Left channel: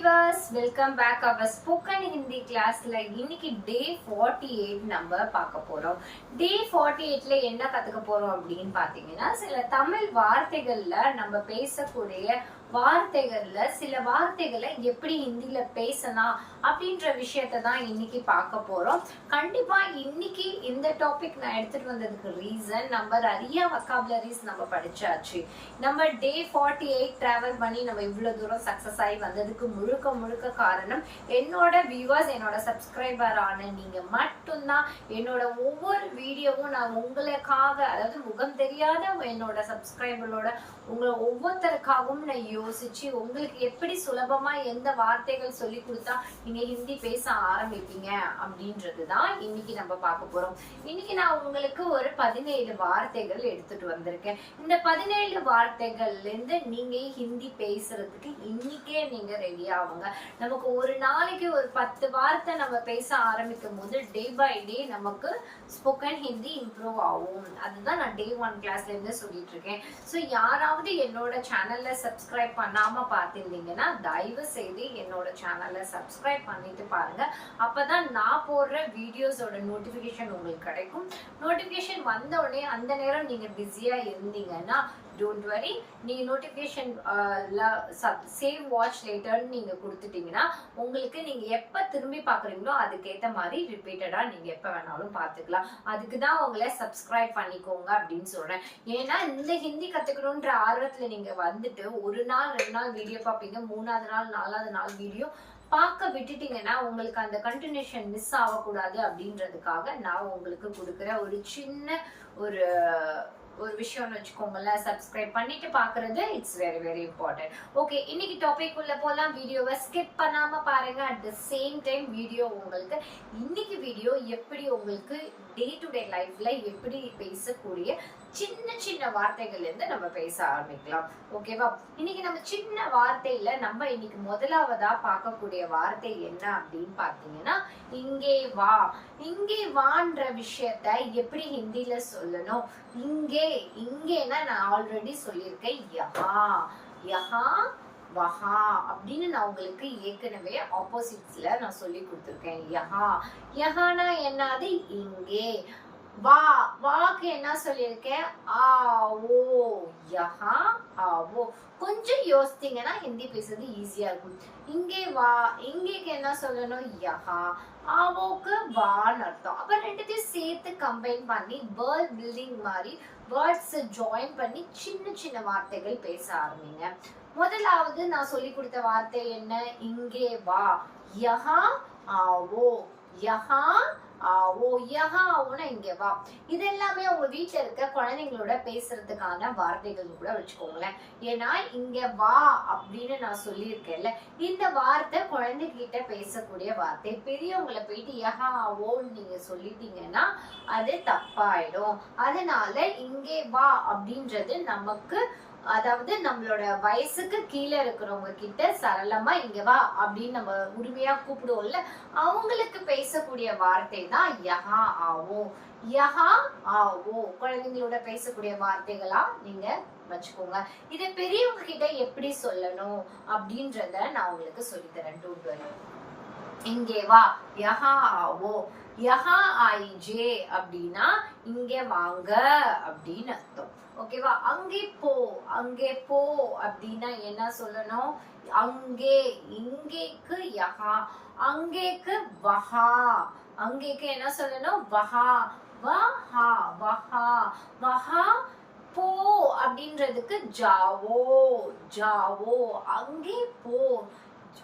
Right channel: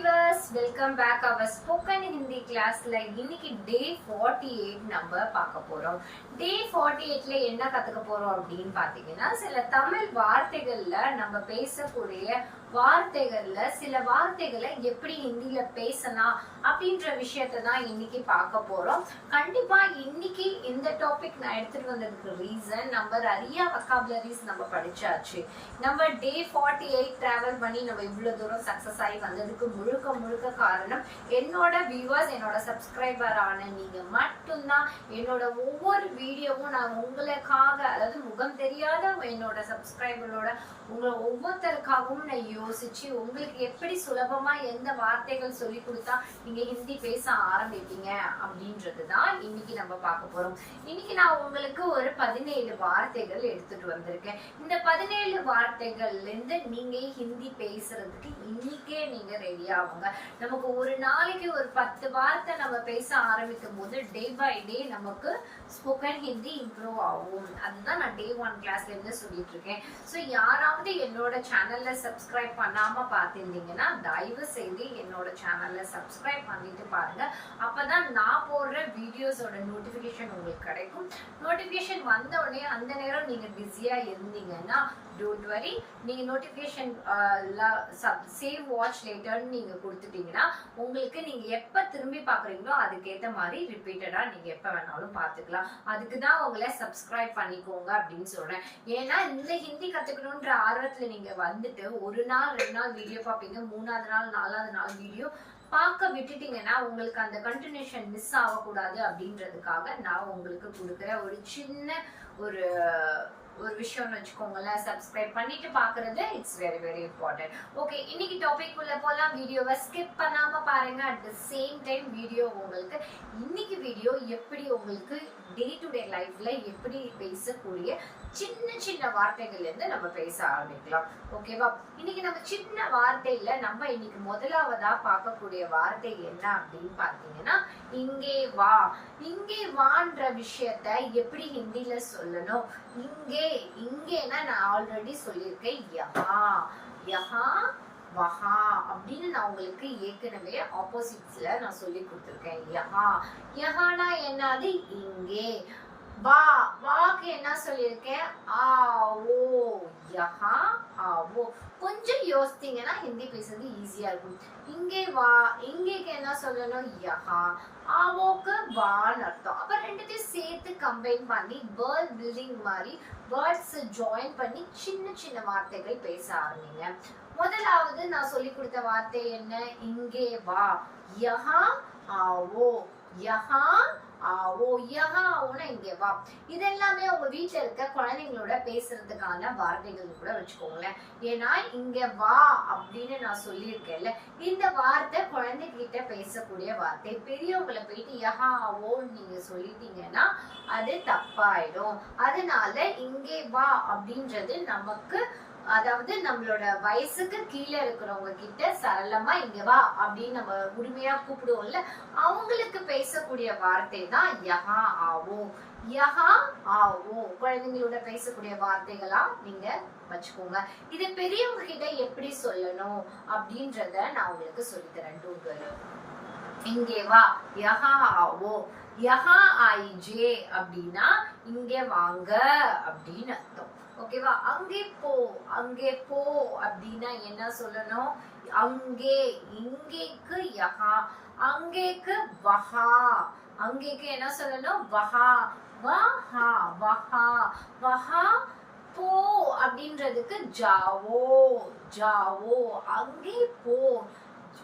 viewers, welcome back our spoken Hindi class. இன்னைக்கு day 48 நம்ம பார்க்க போறோம். day 48ல என்ன கத்துக்க போறோம் அப்படின்னு பாத்தீங்கன்னா, சில தமிழ் வார்த்தைகள்ல நம்ம பேசக்கூடிய வார்த்தைகள்ல சில வார்த்தைகளை எப்படி ஹிந்தில பேசலாம் அப்படின்ற விஷயத்த தான் இன்னைக்கு பார்க்க போறோம். கண்டிப்பா இன்னைக்கு இந்த டாபிக் நான் எடுத்துட்டு வந்ததுக்கு ரீசன், நம்ம நிறைய வொக்காபுலரிஸ் நம்ம படிச்சாச்சு. நம்ம day 48 டிராவல் பண்ணி நம்ம இவ்வளவு தூரம் சக்சஸ் ஆகி வந்ததுக்கு முழுக்க காரணம் என்னோட வியூவர்ஸ், என்னோட சப்ஸ்கிரைபர் ஆன நீங்க மட்டும்தான். என்னோட ஒவ்வொரு வீடியோவும் நான் உங்களுக்காக, அதாவது முகம் தெரியாத என்னோட சப்ஸ்கிரைபரோட உங்களை ஒவ்வொருத்தருக்காகவும் நான் யோசிச்சு உங்களுக்கு எப்படி சுலபமா எந்த வார்த்தைகள் சொல்லி கொடுத்தா நீங்க ஹிந்தி பேச ஆரம்பிப்பீங்க அப்படின்றதுதான் இன்னைக்கு நம்ம பார்க்க போறோம். இன்னைக்கு நான் உங்களுக்கு ஒரு 17 வார்த்தைகள் எடுத்துட்டு வந்திருக்கேன். இந்த 17 வார்த்தைகள்ல இருந்து நீங்க ஹிந்தி பேசுறதுக்கு இன்னைக்கே நீங்க ரெடி ஆகுங்க. நமக்கு ஒரு நாளைக்கு ஒரு 10 வார்த்தை நம்ம பேச ஆரம்பிக்கும் போது டே பை டே நமக்கு ஸ்போக்கன் ஹிந்தி இம்ப்ரூவ் ஆகும். அதுதான் நான் day 1 கிளாஸ்ல இருந்து சொல்லிட்டு இருக்கேன். ஸோ யாராவது என்னோட சேனல்ல சப்ஸ்கிரைப் பண்ணாம பார்த்திருந்தீங்கன்னா தயவு செய்து என்னோட சேனல்ல சப்ஸ்கிரைப் பண்ணிட்டு பாருங்க. அப்பதான் நான் போடுற வீடியோஸோட நோட்டிபிகேஷன் உங்களுக்கு கிடைக்கும். நோட்டிபிகேஷன் வந்த உடனே அந்த நேரம் நீங்க பிஸியா இருந்தீங்கன்னா டோன்ட் வரி, நீங்க நோட்டிபிகேஷன் சேவ் வாட்ச் லேட்டர்னு நீங்க கொடுத்துட்டீங்கன்னா உங்களுக்கு நீங்க எப்ப திரும்பி பாக்குறீங்களோ அதுக்கேற்ற மாதிரி ரிப்பீட்டடா நீங்க எப்ப வேணாலும் பாத்துக்கலாம். அதுக்குதான் உங்களை சப்ஸ்கிரைப் பண்ணிக்கோங்க அப்படின்னு சொல்றேன். ஏன்னா இந்த ஹிந்தி கத்துக்கணும்ன்ற ஆர்வத்துல நீங்க வந்துட்டு ஒரு நாள் 2 நாள் வீடியோ பார்ப்பீங்க, 3ஆவது நாள் 4ஆவது நாள் வீடியோ பார்க்க விட்டுட்டீங்கன்னா உங்களுக்கு அந்த கண்டினியூஷன் மிஸ் ஆகக்கூடாது அப்படின்றதுக்காக நான் உங்களுக்கு கொடுக்குற ஒரு சின்ன ஒரு விஷயம்னு வச்சுக்கோங்களேன். சப்ஸ்கிரைப் பண்ணிட்டு பாக்குறது இட்ஸ் வெரி இம்பார்ட்டன்ட். ஓகே, இன்னைக்கு டாபிக் உள்ள போலாம். வீடியோவை ஸ்கிப் பண்ணாம பாருங்க. At the same time video உங்களுக்கு இன்னைக்கு வீடியோ எப்படி உங்களுக்கு டே டு டே லைஃப்ல எப்படி பேசக்கூடிய சின்ன வார்த்தைகள்ல இருந்து நம்ம பேச ஆரம்பிக்கலாம். ஓகேவா? இன்னைக்கு நம்ம சின்ன வார்த்தையில நம்ம இன்னைக்கு முதலாவதா பார்க்கக்கூடிய வார்த்தை என்ன அப்படின்னு பாத்தீங்கன்னா, இங்கே வா. இங்கே வான்ற விஷயத்த எப்படி ஹிந்தில சொல்லணும்? இங்கேனா நான் ஆல்ரெடி சொல்லியிருக்கேன் யஹா வஹா அப்படின்னு நான் உங்களுக்கு ஏற்கனவே ஆப்போசிட்ஸ்ல நான் சொல்லி கொடுத்துருக்கேன். யஹானா என்னது? இங்கே. வாக்கு என்ன சொல்லியிருக்கேன்? ஆவோ. யஹா ஆவோ. கொஞ்சம் யோசித்தீங்கன்னா ஹிந்தி பேசுறது ஈஸியா இருக்கும். இங்கே வா, இங்கேக்கு என்ன சொல்லணும்? யஹா. ஆவோக்கு வான்னு அர்த்தம். அப்ப ரெண்டுத்தையும் சேர்த்து கம்பைன் பண்ணி வேர்ட் பில்டிங் மாதிரி வேர்ட்ஸ் ஜாயின் பண்ணி சின்ன வார்த்தைகள் பேச ஆரம்பிங்க. முதலாவது நான் சொல்லி கொடுத்த வார்த்தை என்ன? இங்கே வா. யஹா ஆவோ. யஹா ஆவோ. யஹா ஆவோனா இங்கே வா. இது எல்லாமே உங்க வீட்டுல இருக்க குழந்தைங்களோட பேசுறதுக்கான வார்த்தைகள் கூட வச்சுக்கோங்களேன். ஏன்னா இங்க வா அப்படின்னு நான் சொல்லியிருக்கேன்ல, இந்த வார்த்தை குழந்தைகிட்ட பேசக்கூடிய வார்த்தை. பெரியவங்களை போயிட்டு யஹா ஆவோன்னு நீங்க சொல்லிட்டீங்கன்னா அது தப்பாயிடும். அதனால இங்கே வா அப்படின்றது நமக்கு, அதாவது நம்மளோட வயசுக்கு கீழே இருக்கிறவங்க கிட்ட சரளமா இங்க வா அப்படின்னு நம்ம உரிமையா கூப்பிடுவோம்ல, அவங்களுக்கு பேசக்கூடிய வார்த்தை தான் யஹா ஆவோ. யஹா ஆவோ குழந்தைங்களோட பேசக்கூடிய வார்த்தைகளா நீங்க வச்சுக்கோங்க. இது பெரியவங்க கிட்ட எப்படி சொல்லணும் அப்படின்றத நான் உங்களுக்கு சொல்லித்தரேன். Don't worry. இங்கே வா. யஹா ஆவோ. யஹா ஆயிஜே அப்படின்னா இங்க வாங்க அப்படின்னு அர்த்தம். ஓகேவா? அங்கே போ. அங்கே போ அப்படின்னா என்ன சொல்லணும்? அங்கே. இங்கேக்கு யஹா. அங்கேக்கு வஹா. அங்கேக்கு என்ன சொல்லணும்? வஹா. வஹா. வஹா. வஹா போ அப்படின்றதுக்கு ஜாவோ. ஜாவோ. அங்கே போ.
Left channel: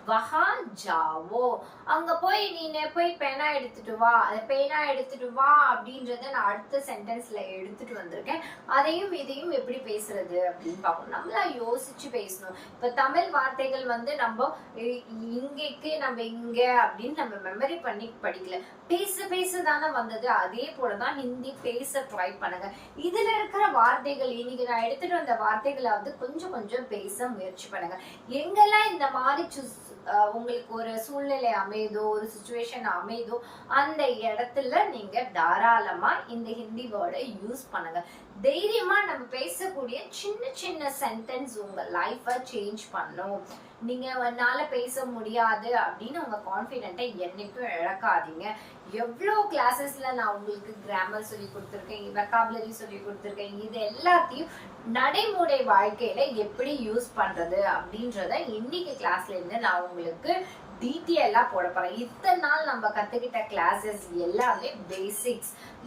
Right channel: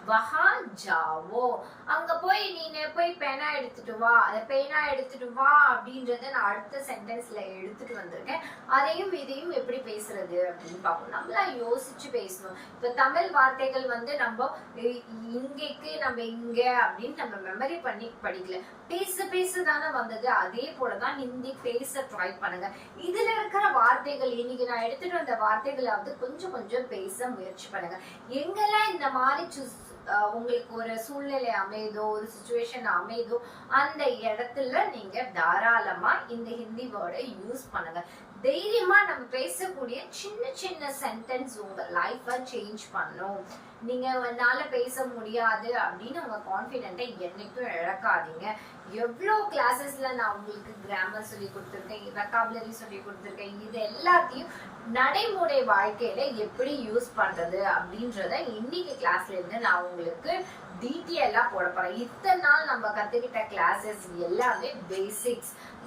வஹா ஜாவோ. அங்க போய் நீ போய் பேனா எடுத்துட்டு வா. பேனா எடுத்துட்டு வா அப்படின்றத நான் அடுத்த சென்டென்ஸ்ல எடுத்துட்டு வந்திருக்கேன். அதையும் இதையும் எப்படி பேசுறது அப்படின்னு பார்க்கணும். நம்மளா யோசிச்சு பேசணும். இப்ப தமிழ் வார்த்தைகள் நம்ம இங்கேக்கு நம்ம இங்க அப்படின்னு நம்ம மெமரி பண்ணி படிக்கல, பேச தானே வந்தது. அதே போலதான் ஹிந்தி பேச ட்ரை பண்ணுங்க. இதுல இருக்கிற வார்த்தைகள், இன்னைக்கு நான் எடுத்துட்டு வந்த வார்த்தைகளை கொஞ்சம் பேச முயற்சி பண்ணுங்க. எங்கெல்லாம் இந்த மாதிரி உங்களுக்கு ஒரு சூழ்நிலை அமைதோ, ஒரு சிச்சுவேஷன் அமைதோ, அந்த இடத்துல நீங்க தாராளமா இந்த ஹிந்தி வேர்டை யூஸ் பண்ணுங்க. தைரியமா நம்ம பேசக்கூடிய சின்ன சென்டென்ஸ் உங்க லைஃபை சேஞ்ச் பண்ணும். நீங்க என்னால பேச முடியாது அப்படின்னு உங்க கான்ஃபிடென்ட்டை என்னைக்கும் இழக்காதீங்க. எவ்வளோ கிளாஸஸ்ல நான் உங்களுக்கு கிராமர் சொல்லி கொடுத்துருக்கேன், வெக்காபுலரி சொல்லி கொடுத்துருக்கேன். இது எல்லாத்தையும் நடைமுறை வாழ்க்கையில எப்படி யூஸ் பண்றது அப்படின்றத இன்னைக்கு கிளாஸ்ல இருந்து நான் உங்களுக்கு டீட்டெயிலா போட போறேன். இத்தனை நாள் நம்ம கத்துக்கிட்ட கிளாஸஸ் எல்லாமே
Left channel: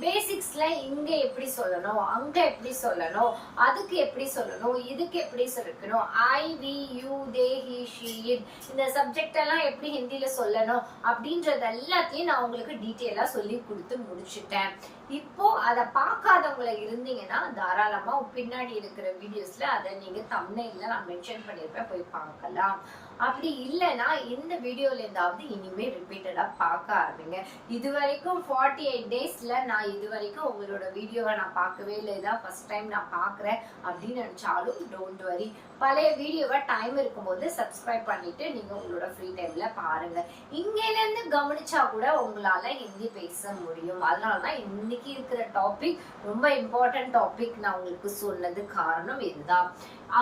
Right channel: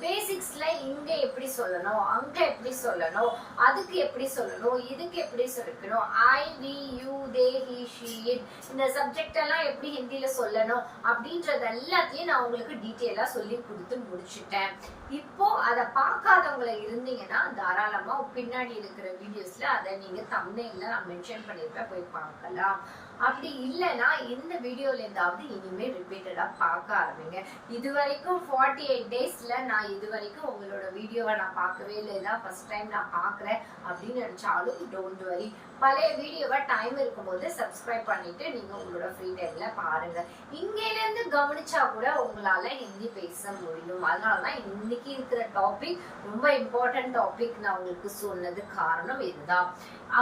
பேசிக்ஸ்ல இங்க எப்படி சொல்லணும், அங்க எப்படி சொல்லணும், அதுக்கு எப்படி சொல்லணும், இதுக்கு எப்படி சொல்லணும், I we you they he she it, இந்த சப்ஜெக்ட் எல்லாம் எப்படி ஹிந்தில சொல்லணும் அப்படின்றது எல்லாத்தையும் நான் உங்களுக்கு டீட்டெயிலா சொல்லி கொடுத்து முடிச்சுட்டேன். இப்போ அதை பார்க்காதவங்கள இருந்தீங்கன்னா தாராளமா பின்னாடி இருக்கிற வீடியோஸ்ல அதை நீங்க தம்ப்நெயில்ல நான் மென்ஷன் பண்ணிருப்பேன், போய் பார்க்கலாம். அப்படி இல்லைன்னா இந்த வீடியோல இருந்தாவது இனிமே ரிப்பீட்டடா பார்க்க ஆரம்பிங்க. இது வரைக்கும் 48 டேஸ்ல நான் இது வரைக்கும் உங்களோட வீடியோவை நான் பார்க்கவே இல்லை, இதான் ஃபர்ஸ்ட் டைம் நான் பார்க்குறேன் அப்படின்னு நினைச்சாலும் டோன்ட் வரி. பழைய வீடியோவை டைம் இருக்கும்போது சப்ஸ்கிரைப் பண்ணிட்டு நீங்க உங்களோட ஃப்ரீ டைம்ல பாருங்க. இங்கேல இருந்து கவனிச்சா கூட உங்களால ஹிந்தி பேச முடியும். அதனாலதான் இன்னைக்கு இருக்கிற டாபிக் ரொம்ப இம்பார்ட்டன்ட் டாபிக் நான் உங்களுக்கு சொன்னது காரணம் இதுதான்.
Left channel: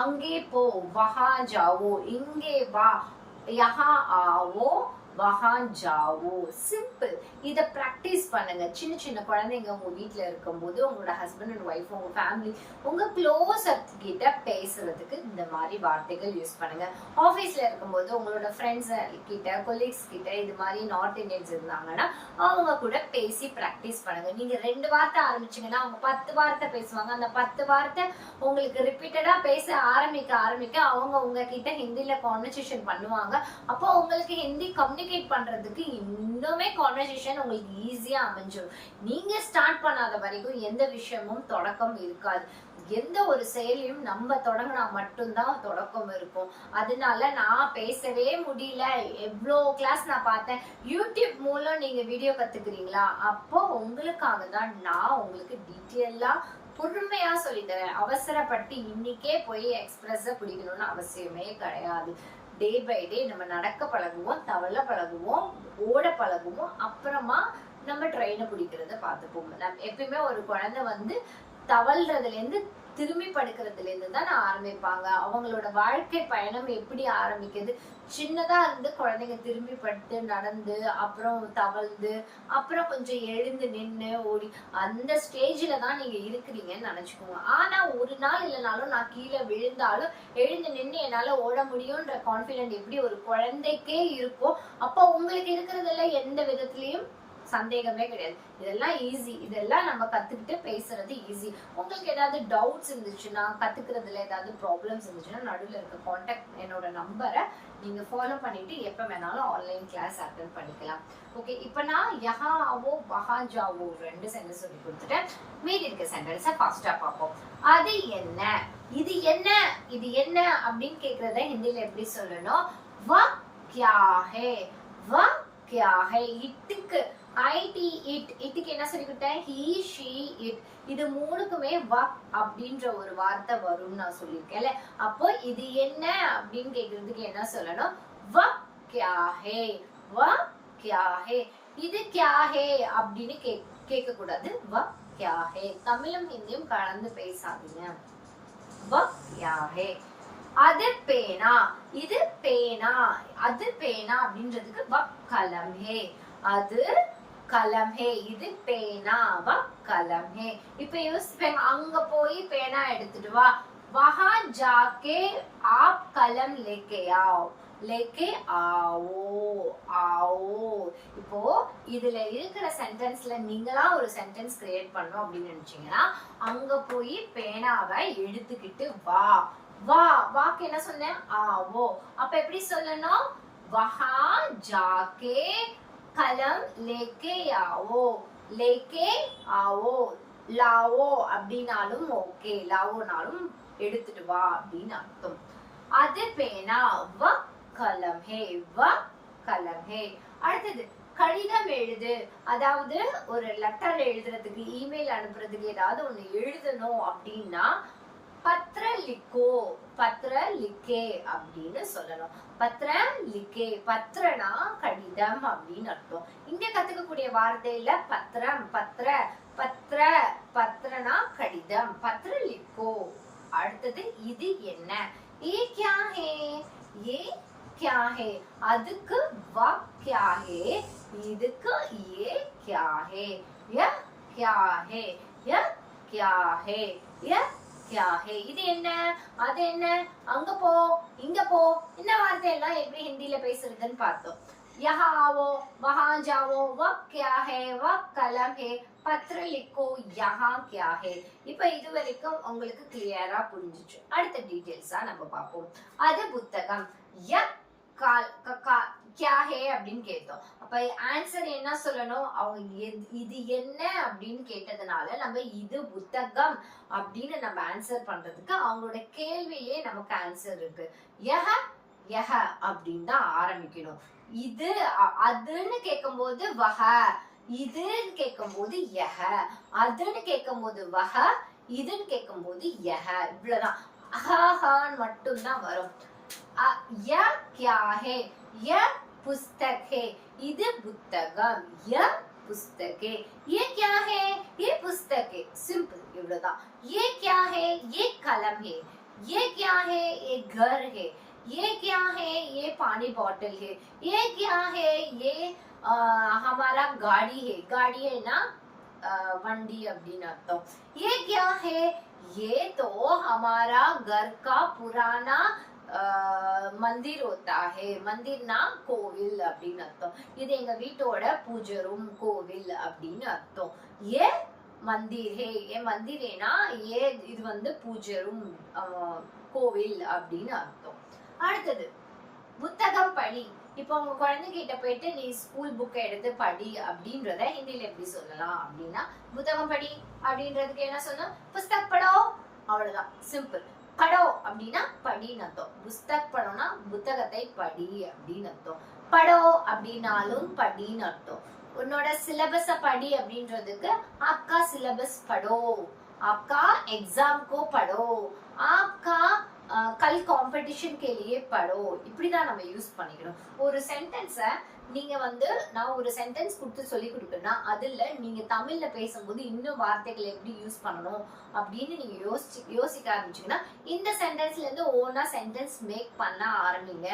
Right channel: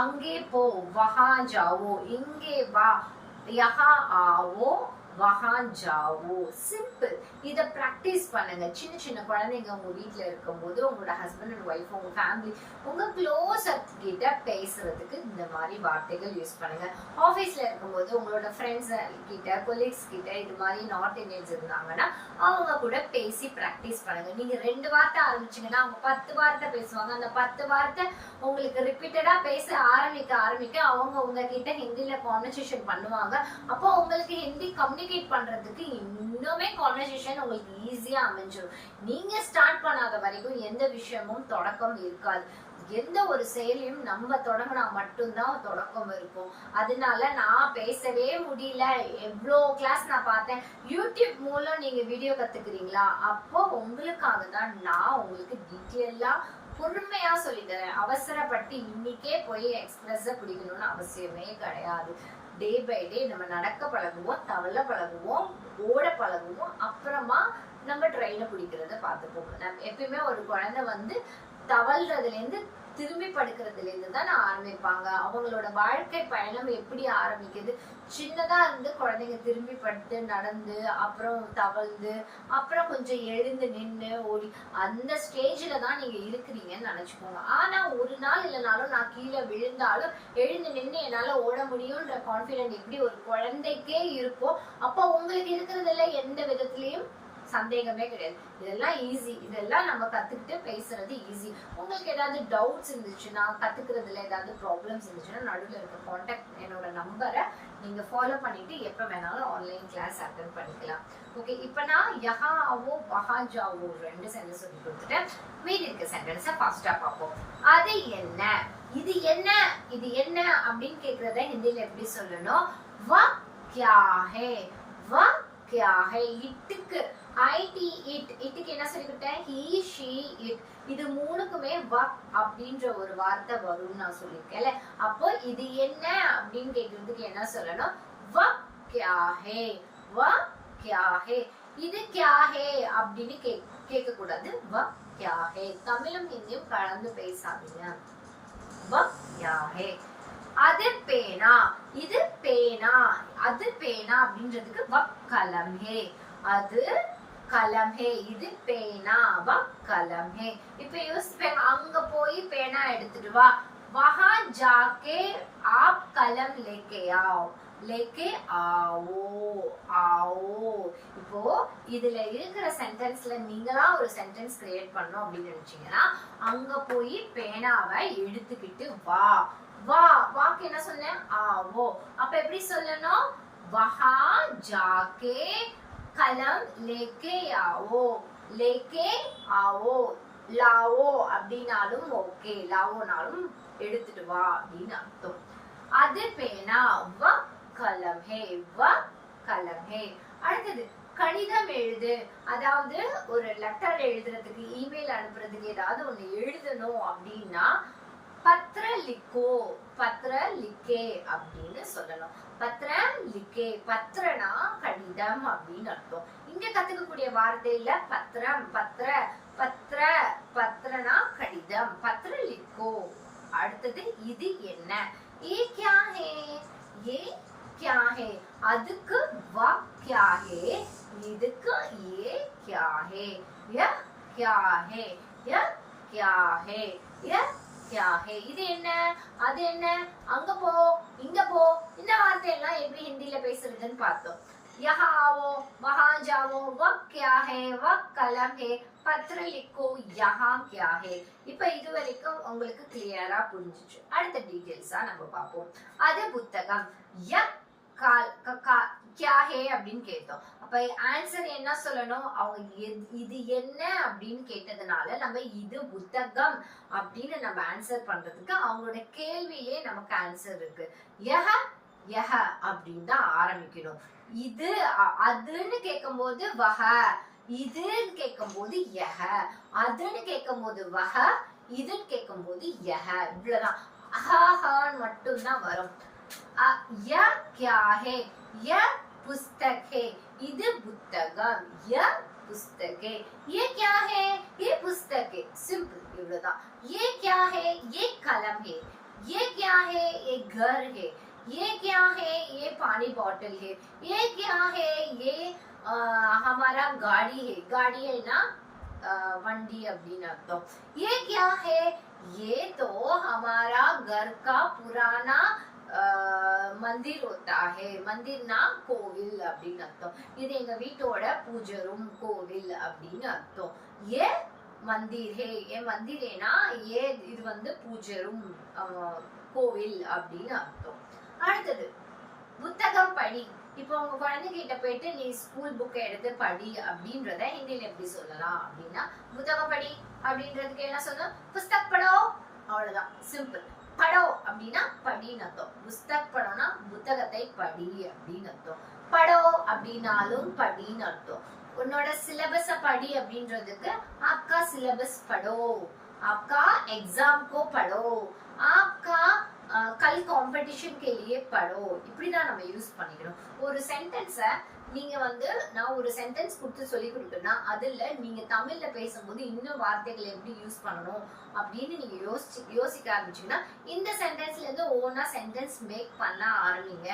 அங்கே போ, வஹா ஜாவோ, இங்கே வா, யஹா ஆவோ, வஹா ஜாவோ. சிம்பிள். இத பிராக்டிஸ் பண்ணுங்க. சின்ன சின்ன குழந்தைங்க உங்க வீட்டுல இருக்கும்போது உங்களோட ஹஸ்பண்ட் அண்ட் ஒய்ஃப், உங்க ஃபேமிலி, உங்க க்ளோஸ் கிட்ட பேசுறதுக்கு இந்த மாதிரி வார்த்தைகள் யூஸ் பண்ணுங்க. ஆபீஸ்ல இருக்கும்போது உங்களோட ஃப்ரெண்ட்ஸ் கிட்ட, கொலீக்ஸ் கிட்ட இது மாதிரி நார்த் இந்தியன்ஸ் இருந்தாங்கன்னா அவங்க கூட பேசி பிராக்டிஸ் பண்ணுங்க. நீங்க 2 வார்த்தை ஆரம்பிச்சீங்கன்னா அவங்க 10 வார்த்தை பேசுவாங்க. அந்த 10 வார்த்தை உங்களுக்கு ரிப்பீட்டடா பேச ஆரம்பிக்க அவங்க உங்ககிட்ட ஹிந்தில கான்வர்சேஷன் பண்ணுவாங்க. அப்போ உங்களுக்கு ஹிந்தி கம்யூனிகேட் பண்றதுக்கு இன்னுமே கான்வர்சேஷன் உங்களுக்கு ஈஸியா அமைஞ்சிடும். நீங்க ஸ்டார்ட் பண்ணாத வரைக்கும் எந்த விஷயமும் தொடக்கம் இருக்காது. எந்த ஒரு செயலையும் நம்ம தொடங்கினா மட்டும்தான் தொடக்கம் இருக்கும். அதனால நான் பேசவே முடியல, எவ்வளோ கிளாஸ் நான் பார்த்தேன். யூடியூப் மூலம் நீங்க வீடியோ கத்துக்கிறீங்களா? அப்போ உங்களுக்காக தான் நான் உங்களுக்கு டீட்டெயிலா பொறுமையா சொல்லித்தரேன். அவசரப்பட்டு இன்னைக்கே போய் எக்ஸ்பிரஸ பிடிக்கணும்னு அவசியமே கிடையாது. டே பை டே நம்ம நடக்க பழகுவோம், தவள பழகுவோம், ஓட பழகுவோம், அப்புறமா நம்ம ட்ரெயினை பிடிக்கிறத பார்த்துப்போம். நம்ம எப்பயுமே ஒரு குழந்தை தவழ்றதுல இருந்து திரும்பி படுக்கிறதுல இருந்து தான் ஆரம்பிப்பாங்க. அவங்களோட வாழ்க்கை பயணம் எப்படி ஆரம்பிக்குது, சின்னதா இருந்து குழந்தைங்க திரும்பி படுத்து நடந்து, அப்புறம் தவழ்ந்து, அப்புறம் கொஞ்சம் எழுந்து நின்று ஓடி, அந்த ஸ்டேஜ்ல தான் நீங்க இருக்கிறீங்கன்னு நினைச்சுக்கோங்க. ஆனா ஒரு நாள் இல்லைனாலும் நான் கீழே விழுந்தாலும் எழுந்து நின்று என்னால ஓட முடியும்ன்ற கான்பிடென்ட் எப்படி ஒரு குழந்தைக்கே இருக்கோ, அப்போ உங்களுக்கு இருக்கிறதுல எந்த விதத்திலையும் சந்தேகமே கிடையாது. இதெல்லாம் ஈஸி. இதெல்லாம் நம்ம கத்துக்கிட்டு பேசுறது ஈஸி. உங்களுக்கு ஏதாவது டவுட்ஸ் இருந்துச்சுன்னா, கத்துக்கிறதுல ஏதாவது ப்ராப்ளம்ஸ் இருந்துச்சுன்னா நடுவில் இருக்க கான்டாக்ட் என்னோட நம்பரை நீங்க ஃபாலோ பண்ணிட்டு எப்ப வேணாலும் ஆன்லைன் கிளாஸ் அட்டெண்ட் பண்ணிக்கலாம். ஓகே, இப்போ நான் யஹா ஆவோ, வஹா ஜாவோ 2 சென்டென்ஸ் சொல்லி கொடுத்துட்டேன். மீதி இருக்க சென்டென்ஸை ஃபாஸ்டா பார்ப்போம். அது என்ன, இது என்ன, இது என்ன அப்படின்னு கேக்குறத ஹிந்தில எப்படி சொல்லணும்? வ கியா ஹே, வ கியா ஹே. இட்டுக்கு இட்டுக்கு என்ன சொல்லி கொடுத்தேன்? He, she, it. இது 3க்குமே வ அப்படின்ற ஒரு வார்த்தை வரும்னு நான் சொல்லியிருக்கேன்ல. அப்போ இது என்ன அப்படின்னு கேக்குறதுக்கு என்ன சொல்லணும்? வ கியா ஹே, வ கியா ஹே. இது கியா ஹே அப்படின்னு கேட்க கூடாது. வ கியா ஹே. தமிழும் ஹிந்தியும் கலந்து பேசாதீங்க. வ கியா ஹே. அது பேனா, இது பேனா. அது பேனா அப்படின்றதுக்கு வ கலம் ஹே. அது கலம் ஹே. இது பேனா, வ கலம் ஹே. இப்ப யோசிப்பேன், அங்க போய் பேனா எடுத்துட்டு வா. வஹா ஜாக்கே ஆப் கலம் லேக்கே ஆவோ, லேக்கே ஆவோ, ஆவோ. இப்போ இதுல இருக்கிற சென்டென்ஸ்ல நீங்களா ஒரு சென்டென்ஸ் கிரியேட் பண்ணணும் அப்படின்னு நினைச்சீங்கன்னா, அங்க போய் பேனாவை எடுத்துக்கிட்டு வா. வா, வாக்கு என்ன சொன்னேன்? ஆவோ. அப்ப எப்படி சொல்லணும்? வஹா ஜாக்கே கலம் லேக்கே ஆவோ, லேக்கே ஆவோ. லாவோ அப்படின்னாலும் ஓகே, லாவோனாலும் எடுத்துட்டு வா அப்படின்னு அர்த்தம். அது பேனா, வ கலம் ஹே, வ கலம் ஹே. அடுத்தது கடிதம் எழுது. அதாவது ஒரு லெட்டர் எழுதுறதுக்கு, இமெயில் அனுப்புறதுக்கு ஏதாவது ஒண்ணு எழுதணும் அப்படின்னா பத்ர லிக்கோ, பத்ர லிக்கே அப்படின்னு சொல்லணும். பத்ர லிக்கே. பத்ரனா கடிதம் அப்படின்னு அர்த்தம். இங்க கத்துக்கக்கூடிய வார்த்தையில பத்ரம், பத்ர, பத்ர, பத்ரனா கடிதம், பத்ர லிக்கோ. அடுத்தது இது என்ன? ஏ கியா ஹே, ஏ क्या है, அதுக்கு वह क्या है, இதுக்கு ये क्या है, यह क्या है, यह क्या है, यह क्या है. இது என்ன அது என்ன, அங்க போ இங்க போ, இந்த வார்த்தை எல்லாம் எப்படி ஹிந்தில பேசுறதுன்னு பார்த்தோம். यहाँ आओ वहां जाओ, वह क्या है, वह कलम है, பத்ர லிக்கோ, யஹா क्या है. இப்போ இது வரைக்கும் உங்களுக்கு கிளியரா புரிஞ்சிச்சு. அடுத்த டீடைல்ஸா நம்ம பார்ப்போம். அது புத்தகம். ய क्या है அப்படின்னு கேட்டோம். அப்ப ஆன்சர் என்ன சொல்லணும், அவங்க இது என்ன அப்படின்னு கேட்டதுனால நம்ம இது புத்தகம் அப்படின்னு நம்ம ஆன்சர் பண்றதுக்கு அவங்களோட கேள்வியிலே நமக்கு ஆன்சர் இருக்கு. யஹ யஹ அப்படின்னு தான் ஆரம்பிக்கணும். இது அதுன்னு கேட்கும் போது வஹ, இதுன்னு கேட்கும் போது யஹ, அதுன்னு கேட்கும் போது வஹ, இதுன்னு கேட்கும் போது யஹ. இவ்வளவுதான். அஹான்னு மட்டும் தான் வரும். ய क्या है, ய पुस्तक है, இது புத்தகம். ய पुस्तक है. ये क्या है, ये पुस्तक है. सिंपल இவ்வளவுதான். ये क्या है, ये कलम है. ये क्या है, ये घर है. ये क्या है, ये पानी बॉटल है. ये क्या है, ये हमारा गाड़ी है. गाड़ी है ना, वंडी அப்படின்னு அர்த்தம். ये क्या है, ये तो हमारा घर का पुराना मंदिर होता है. मंदिरனா கோவில் அப்படின்னு அர்த்தம். இது எங்க வீட்டோட பூஜை ரூம், கோவில் அப்படின்னு அர்த்தம். ये मंदिर है, ये मंदिर है ना, ये இது வந்து பூஜை ரூம், கோவில் அப்படின்னு அர்த்தம். அடுத்தது புத்தகம் படி. இப்போ உங்க குழந்தைகிட்ட போயிட்டு நீ ஸ்கூல் புக் எடுத்து படி அப்படின்றத ஹிந்தில எப்படி சொல்லலாம் அப்படின்னா, புத்தகம் படி அப்படின்றதுக்கு என்ன சொல்லணும், புஸ்தக் படோ. அவ்வளவுதான், சிம்பிள். படோ அப்படின்னா படின்னு அர்த்தம். புஸ்தக் படோனா புத்தகத்தை படி அப்படின்னு அர்த்தம். படோ அப்படின்னாலும் படின்னு அர்த்தம். உன்னோட சிலபஸ படி அப்படின்றதுக்கு आपका सिलेबस पढ़ो, आपका एग्जाम को पढ़ो, आपका कल कंपटीशन के लिए पढ़ो. இப்படிதான் நம்ம யூஸ் பண்ணிக்கணும். ஒரு சென்டென்ஸ நீங்க வந்து நான் ஒரு சென்டென்ஸ் கொடுத்து சொல்லி கொடுத்தேன்னா அதுல நீங்க தமிழ்ல பேசும்போது இன்னும் வார்த்தைகளை எப்படி யூஸ் பண்ணணும் அப்படின்னு நீங்க யோசிக்க ஆரம்பிச்சீங்கன்னா இந்த சென்டென்ஸ்ல இருந்து ஓனா சென்டென்ஸ் மேக் பண்ண ஆரம்பிங்க.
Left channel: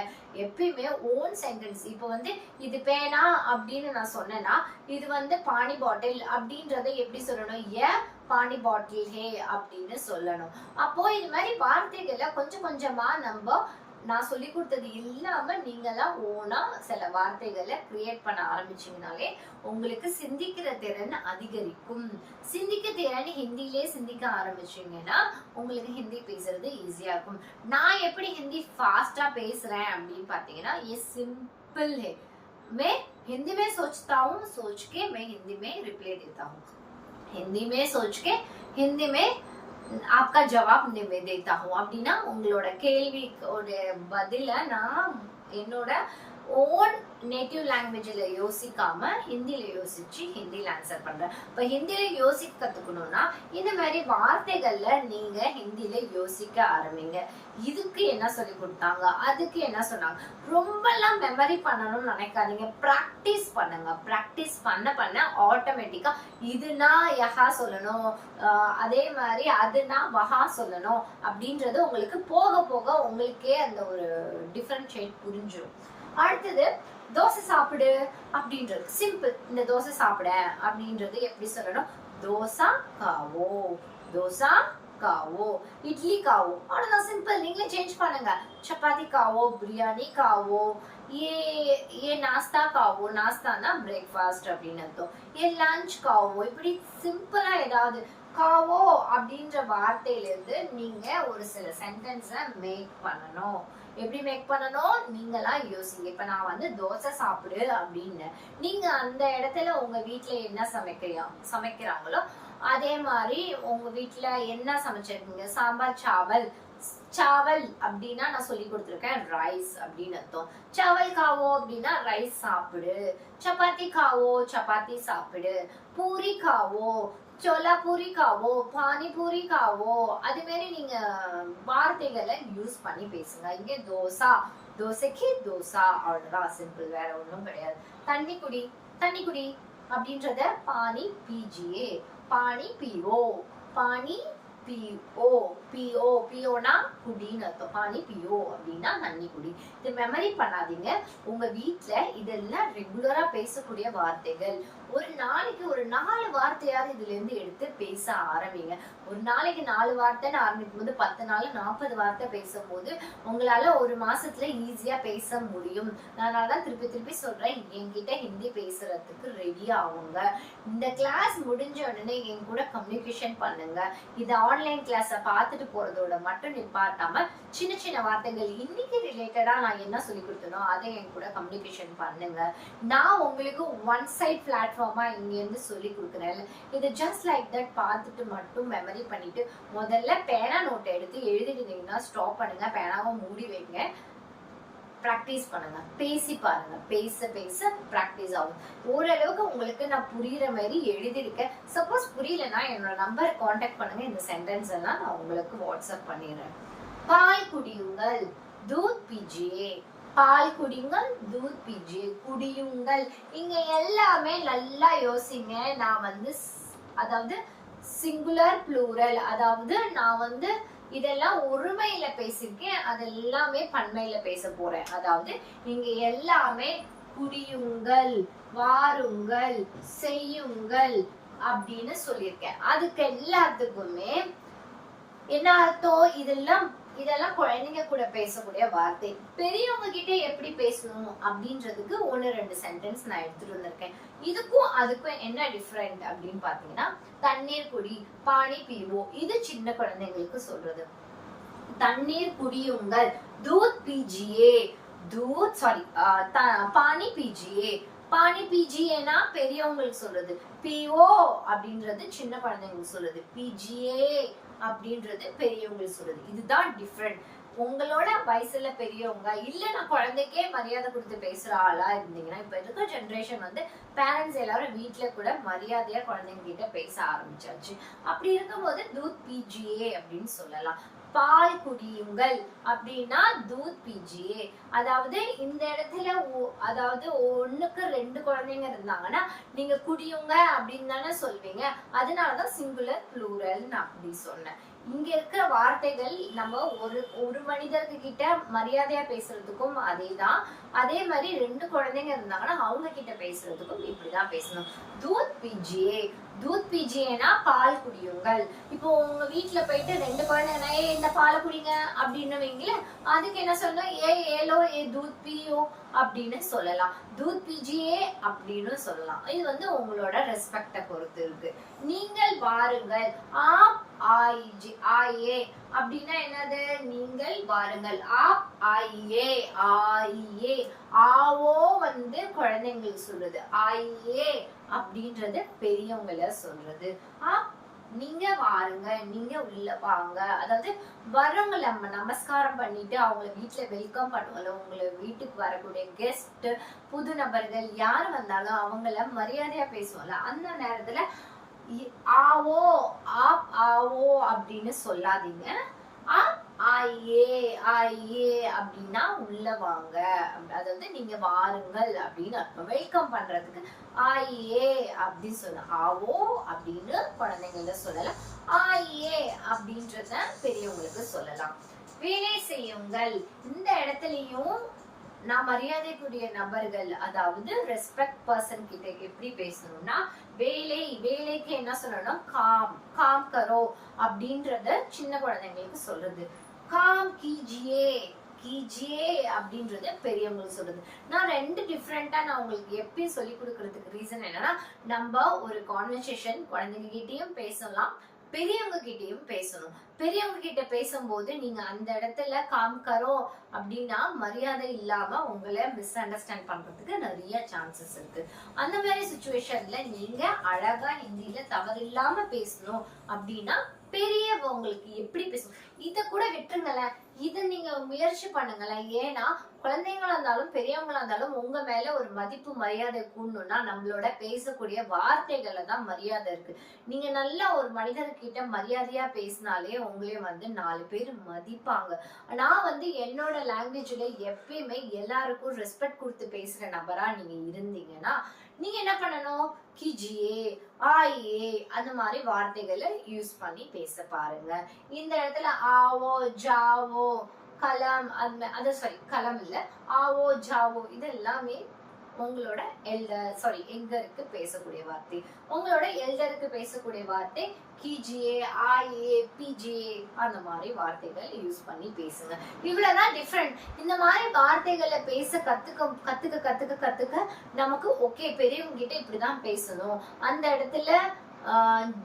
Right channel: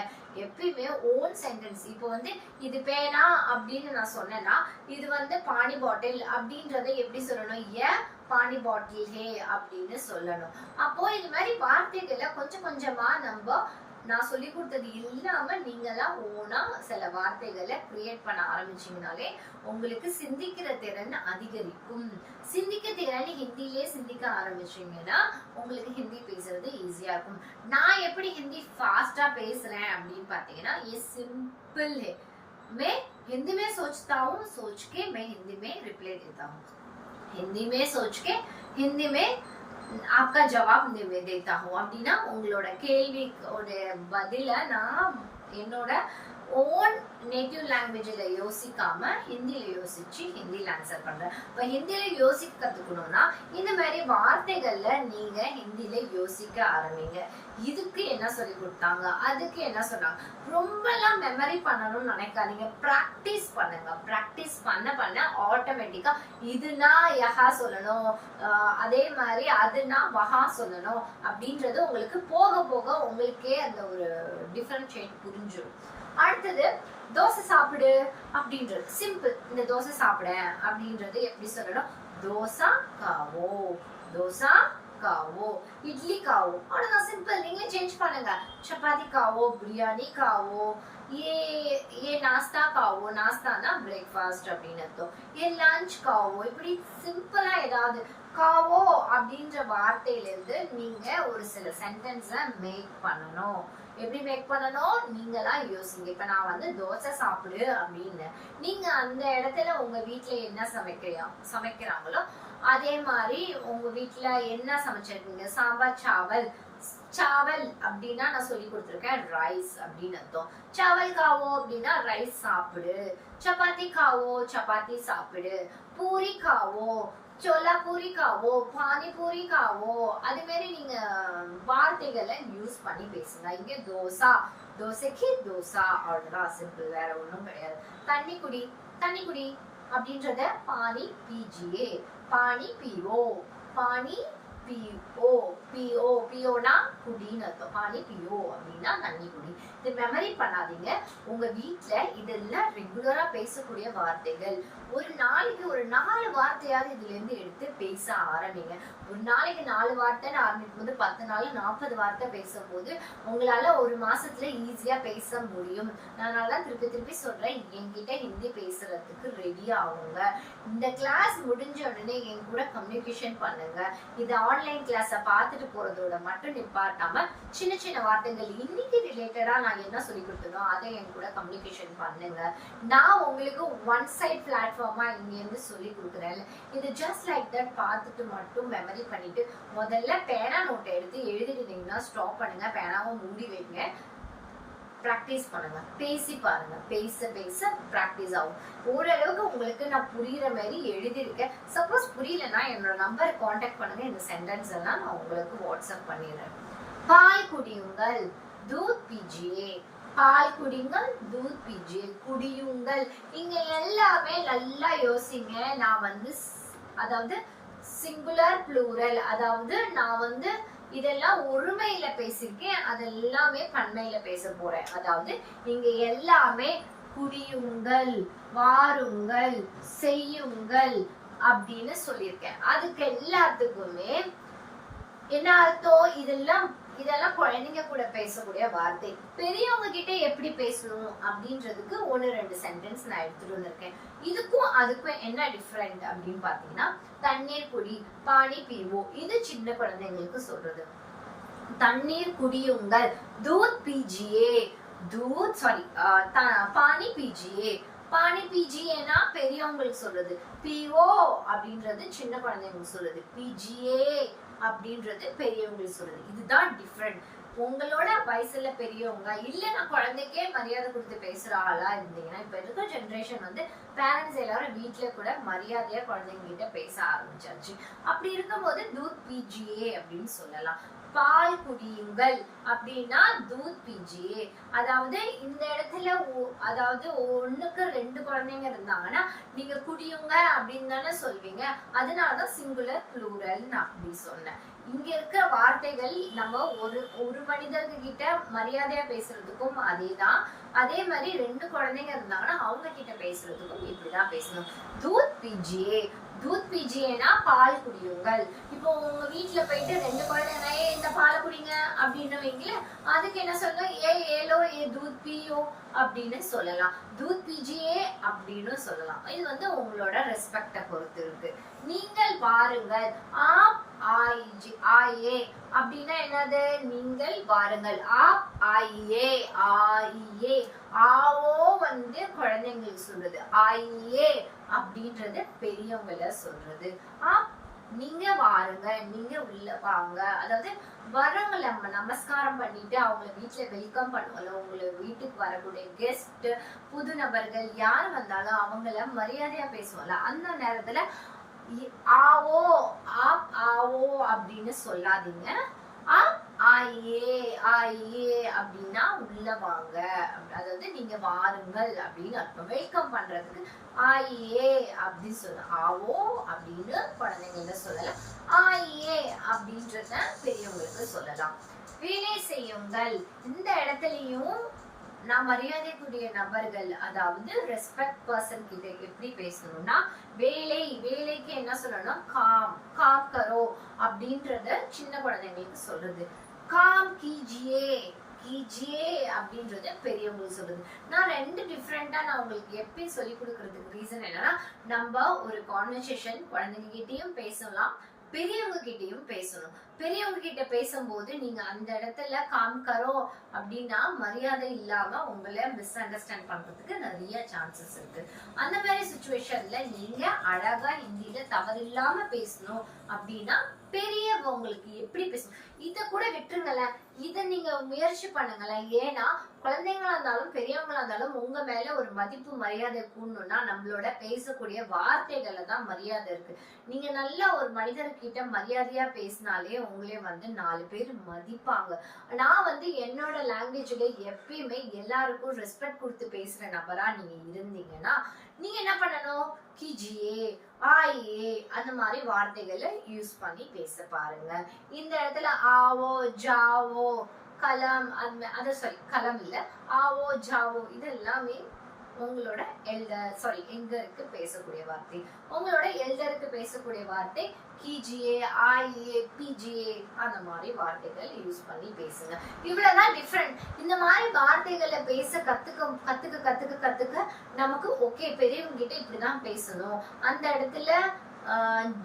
எப்பயுமே ஓன் சென்டென்ஸ். இப்போ வந்து இது பேனா அப்படின்னு நான் சொன்னேன்னா இது வந்து பானி பாட்டில் அப்படின்றத எப்படி சொல்லணும், ஏ பானி பாட்டில் ஹே அப்படின்னு சொல்லணும். அப்போ இது மாதிரி வார்த்தைகளை கொஞ்சம் கொஞ்சமா நம்ம நான் சொல்லி கொடுத்தது இல்லாம நீங்களாம் ஓனா சில வார்த்தைகளை கிரியேட் பண்ண ஆரம்பிச்சீங்கனாலே உங்களுக்கு சிந்திக்கிற திறன் அதிகரிக்கும். சிந்திக்க திறன் ஹிந்திலே சிந்திக்க ஆரம்பிச்சீங்கன்னா உங்களுக்கு ஹிந்தி பேசுறது ஈஸியா இருக்கும். நான் எப்படி ஹிந்தி ஃபாஸ்டா பேசுறேன் அப்படின்னு பாத்தீங்கன்னா ये सिंपल है. मैं हिंदी में सोचता हूँ, सोच के मैं हिंदी में रिप्लाई देता हूँ. हिंदी में सोच के हिंदी में आपका जवाब देता हूँ. அப்படின்னா உங்களோட கேள்வியோட பதில நான் என்னோட ஓன் நேட்டிவ் லாங்குவேஜ்ல யோசிக்காம ஹிந்தில யோசிச்சு ஹிந்தில ஆன்சர் பண்றேன். இப்ப ஹிந்தில யோசிக்க கத்துக்கணும்னா இந்த மாதிரி வார்த்தைகள்ல நீங்க ஹிந்தில யோசிக்க ஆரம்பிங்க. இதுக்கு என்ன சொல்லி கொடுத்தாங்க, அதுக்கு என்ன சொன்னாங்க, ரொம்ப எல்லாம் மெமரி பண்ணணும்னு நினைக்காதீங்க. பிராக்டிஸ் பண்ணுங்க. பிராக்டிஸ் பண்ண பண்ண ஆட்டோமேட்டிக்கா இதுனா யஹா சொல்லணும், அதே மாதிரி அதுனா வஹா சொல்லணும் அப்படின்றது உங்களுக்கு போக போக உங்களுக்கே அந்த ஒரு டிஃபரன்ஷியேட் புரிஞ்சிடும். அடுத்தது தோசை சாப்பிடு அப்படின்றது சிம்பிள். இந்த தோசை சாப்பிட அப்படின்றது எப்படி சொல்லணும், தோசா காவோ, தோசா காவோ, இட்லி காவோ. அவ்வளவுதான், சிம்பிள். நீங்களே சேஞ்ச் பண்ணுங்க. சப்பாத்தி காவோ, பிரியாணி காவோ, ये नाश्ता காவோ, நாஸ்தானா பிரேக்ஃபாஸ்ட் அப்படின்னு அர்த்தம். ये லஞ்ச் காவோ. இப்படி சிம்பிளா ஏதாவது காவோ அப்படின்ற வார்த்தையில இருந்து நீங்க ஒரு சில சென்டென்ஸை மேக் பண்ணணும். எப்படி மேக் பண்ணணும் நீங்களா யோசிங்க. இப்ப நான் வந்து தோசை சாப்பிடு அப்படின்னு நீங்க அந்த இடத்துல உங்க வீட்டுல என்ன சமைக்கிறாங்களோ அதே மாதிரி உங்க வீட்டுல என்ன சமைச்சிருக்கீங்க, சாம்பார் சாவல். சாவல் அப்படின்னா நான் சொல்லி கொடுத்துருக்கேன் ரைஸ் அப்படின்னு அர்த்தம். சாவல் காவோ அப்படின்னா ரைஸ் சாப்பிடு. சப்பாத்தி காவோ, சப்பாத்தி சாப்பிடு. பூரி காவோ, சோலா பூரி காவோ, பானி பூரி காவோ. அது மாதிரி நீங்க வார்த்தைகளை யூஸ் பண்ணி பேசுங்க. இங்க தோசா, தோசைக்கு தோசா. அவ்வளவுதான், சிம்பிள். வேற ஒண்ணும் கிடையாது. தண்ணி குடி, தண்ணி குடி அப்படின்றத பானி பீஜியே, பானி பீவோ, பானி பிஓ பிஓ பிஓனா குடின்னு அர்த்தம். பானி பிஓ அப்படின்னா தண்ணி குடி. இதை மெமரி பண்ணாதீங்க. உங்க வீட்டுல இதெல்லாம் ரெகுலரா பேசக்கூடிய வார்த்தைகள். ஒரு நாளைக்கு ஒரு 4 வார்த்தையாவது இதுல இருந்து எடுத்து பேச ஆரம்பிங்க. ஒரு நாளைக்கு 4 வார்த்தைன்னு ஆரம்பிக்கும் போது 10 நாள் 40 வார்த்தை பேசும்போது உங்களால ஒரு மாசத்துல ஈஸியா பேச முடியும். அதனாலதான் திருப்பி திருப்பி சொல்றேன், என்கிட்ட ஹிந்தி பேசுறதுக்கு ரெடி ஆகுங்க. இந்த கிளாஸ் முடிஞ்ச உடனே என் கூட கம்யூனிகேஷன் பண்ணுங்க. இது ஆன்லைன் கிளாஸ பார்த்துட்டு போறதோட மட்டும் நிப்பாட்டாம சின்ன சின்ன வார்த்தைகள் இன்னைக்கு ரிலேட்டடா நான் என்ன சொல்லி கொடுத்தனோ அதை என் கூட கம்யூனிகேஷன் பண்ணுங்க. நான் உங்களுக்கு ஒன் சைட் பிளாட்ஃபார்மா இங்க இருந்து சொல்லி கொடுக்குறேன். இது ஜஸ்ட் லைக் தட் பார்த்துட்டு மட்டும் மெமரி பண்ணிட்டு முதல்ல பேனா நோட்டை எடுத்து எழுதிட்டீங்கன்னா ஸ்டாப் பண்ணுங்க, பேனாவை மூடி வைங்க, பிராக்டிஸ் பண்ணுங்க, பேசி பாருங்க. பேச பேச பிராக்டிஸ் ஆகும். ஓரளவுக்கு உங்களுக்கு நான் புரியுற மாதிரி எழுதியிருக்கேன். சப்போஸ் புரியலன்னா என்னோட நம்பர் கான்டாக்ட் பண்ணுங்க. இந்த சென்டென்ஸ் எல்லாம் நான் உங்களுக்கு வாட்ஸ்அப் பண்ணிடுறேன். பால் குடியுங்கள், தூத் பீஜியே. பால் குடிங்கள், தூத் பீஜியே, குடியுங்கள். இங்க எல்லாமே நல்லா யோசிங்க. நான் வந்து அதாவது சிங்குலர் ப்ளூரல், அதாவது நான் இதெல்லாம் ஒருமையில பேசிருக்கேன், அதெல்லாமே பன்மையில பேச போறேன். அதாவது நீங்க எல்லாமே குடியுங்கள், வாருங்கள், செய்யுங்கள் அப்படின்னு சொல்லியிருக்கேன். அதுக்கு எல்லாத்துக்குமே என்ன அர்த்தம்? இதெல்லாம் குழந்தைங்க கூட பேசக்கூடிய வார்த்தை. பெரியவங்க கிட்ட எப்படி பேசணும் அப்படின்றதுக்கு 1-2 சென்டென்ஸ் நான் எடுத்துட்டு வந்திருக்கேன். இதுக்கும் அதுக்கும் என்ன டிஃபரெண்ட் அப்படின்னு பாத்தீங்கன்னா, தண்ணீர் குடி, பானி பீவோம், இது சின்ன குழந்தைங்களுக்கு சொல்றது. தண்ணீர் குடியுங்கள், தூத் பீஜியே, தூத் சாரி பானி பீஜியே. பானி பீஜியேனா பெரியவங்களுக்கு சொல்றது. பிஓ அப்படின்றது சின்ன குழந்தைங்களுக்கு சொல்றது. பீஜியே அப்படின்றது பெரியவங்களுக்கு சொல்றது. இதுதான் டிஃபரெண்ட். உங்களோட வயசுல பெரியவங்க இல்ல, நான் குழந்தைக்கே மரியாதை கொடுத்து பேசுற ஆளா இருந்தீங்கன்னா, இப்ப இருக்க ஜெனரேஷன் பேரண்ட்ஸ் எல்லாரும் வீட்டுல கூட மரியாதையா குழந்தைங்க கிட்ட பேச ஆரம்பிச்சாச்சு. அப்படி இருக்கும்போது தூத் பீஜியே அப்படின்னு சொல்லலாம். பால் குடியுங்கள் அப்படின்னா தூத் பீஜியே. அதாவது இந்த இடத்துல அதாவது 1க்கு 2 குழந்தைங்க இருந்தாங்கன்னா நீங்க குடியுங்க அப்படின்னு தானே சொல்வீங்க. அதனாலதான் சிங்குலர் ப்ளூரல் அப்படி சொன்னேன். இங்க இருக்கிற வார்த்தைகள் நம்ம ஒரு மனிதர்கிட்ட மரியாதையா பேசுறதுக்கும் அதேதான். அதே மாதிரி 2 குழந்தைங்க இருந்தாங்கன்னா அவங்க கிட்ட பேசுறதுக்கும் இப்படிதான் பேசணும். தூத் பீஜியே, தூத் பீஜியேனா பால் குடியுங்கள். இப்போ உங்க வீட்டுல போயிட்டு 2 குழந்தைங்க இந்த பாலை குடிங்க அப்படின்னு வைங்களேன், அதுக்கு என்ன சொல்லணும்? ஏலோ ஏ தூத் பீயோ அப்படின்னு சொல்லலாம். தூத் பீஜியே அப்படின்னு சொல்லலாம். இது உங்களோட ரெஸ்பெக்ட பொறுத்து இருக்கு. நீங்கள் வாருங்கள், ஆயே அப்படின்னா என்னது? நீங்கள் வாருங்கள். ஆயே ஆயே. ஆவோ குழந்தைங்களுக்கு சொல்றது. ஆயே அப்படின்றது பெரியவங்கள சொல்றது. நீங்க வாருங்க, நீங்க உள்ள வாங்க. அதாவது வரவங்க நம்ம நமஸ்காரம் பண்ணிட்டு அவங்கள வீட்டுல வெல்கம் பண்ணுவோம்ல, உங்களை வீட்டுக்கு வரக்கூடிய கெஸ்ட், புது நபர்கள் யாரு வந்தாலும் அவங்கள மரியாதையா பேசுவோம்ல, அந்த நேரத்துல ஆவோ ஆவோ அப்படின்னு சொல்லாதீங்க. ஆயே ஆயே அப்படின்னா உள்ள வாங்க, அதாவது நீங்க வாருங்கள் அப்படின்னு அர்த்தம். வெல்கம் பண்றதுக்கு ஆயே அப்படின்னு சொல்ல. ஆவோ அப்படின்னு குழந்தைங்கள சொல்லலாம். ஆயே அப்படின்றத பெரியவங்களுக்கு சொல்லலாம். வேலை செய்யுங்கள், இந்த இடத்துலயும் நான் மரியாதைக்குரிய நபர்கள், அதாவது ரெஸ்பெக்ட் பர்சன் கிட்ட எப்படி பேசணும்னா, வேலைக்கு என்ன சொல்லணும்? காம் கரோ அப்படின்றத சின்ன குழந்தைங்களுக்கு சொல்றது. காம் கீஜியே அப்படின்றது பெரியவங்களுக்கு சொல்றது. நான் 2 டிஃப்ரெண்டா நான் உங்களுக்கு எப்பயும் சொல்லி கொடுக்கறதுக்கு ரீசன் என்னன்னா, நம்ம ஒரு கான்வர்சேஷன் குழந்தைங்க கிட்டயும் பேசலாம், பெரியவங்க கிட்டயும் பேசணும். பெரியவங்க கிட்ட பேசும்போது நீங்க அந்த இடத்துல காமிக்கறோம் அப்படின்னா மரியாதை இல்லாம உங்களை மிஸ் அண்டர்ஸ்டாண்ட் பண்றதுக்கு நிறைய சான்சஸ் இருக்கு. அந்த மாதிரி சுச்சுவேஷன்ல நீங்க அழகா ஹிந்தியில தவறில்லாம பேசணும் அப்படின்னா பெரியவங்களுக்கு எப்படி பேசணும் இத கூட விட்டுருங்களேன். இத நீங்க முயற்சி பண்ணுங்களேன். ஏன்னா குழந்தைங்களா இருந்தாலும் பெரியவங்களா இருந்தாலும் உங்க மேல ஒரு மதிப்பு மரியாதை கூடணும்னா நம்மளோட பேசக்கூடிய வார்த்தைகள்ல தான் மரியாதை இருக்கு. நீங்க நல்ல ஒரு மனிதர்கிட்ட மரியாதையா பேசினாலே உங்களே 4 பேர் மதிப்பாங்க. நான் என்னோட லாங்குவேஜ்ல எப்பயுமே எல்லாருக்கும் ரெஸ்பெக்ட் கொடுத்து பேசுற நபரா நீங்க இருந்தீங்கன்னா நீங்க என்ன பண்ணணும், கிஜியே, ஆயே அந்த மாதிரி வார்த்தைகளை யூஸ் பண்ணி பேச பாருங்க. இந்த இடத்துல ஆவோ, ஜாவோ, கலம், அது சாரி கலம் இல்ல, ஆவோ, ஜாவோ இது எல்லாமே உங்களோட எல்டருக்கு பேசக்கூடிய வார்த்தை. உங்களோட எல்டருக்கு பேசக்கூடிய வார்த்தை கிஜியே, ஆயே, பிஜியே அந்த மாதிரி வார்த்தைகள் யூஸ் பண்ணி பேசுங்க. இவ்வளவுதான் டிஃபரெண்ட். இந்த மாதிரி வார்த்தைகளை பேச கத்துக்க நமக்கு ஓகே பெரியவங்க கிட்ட இப்படிதான் பேசணும். அந்த இடத்துல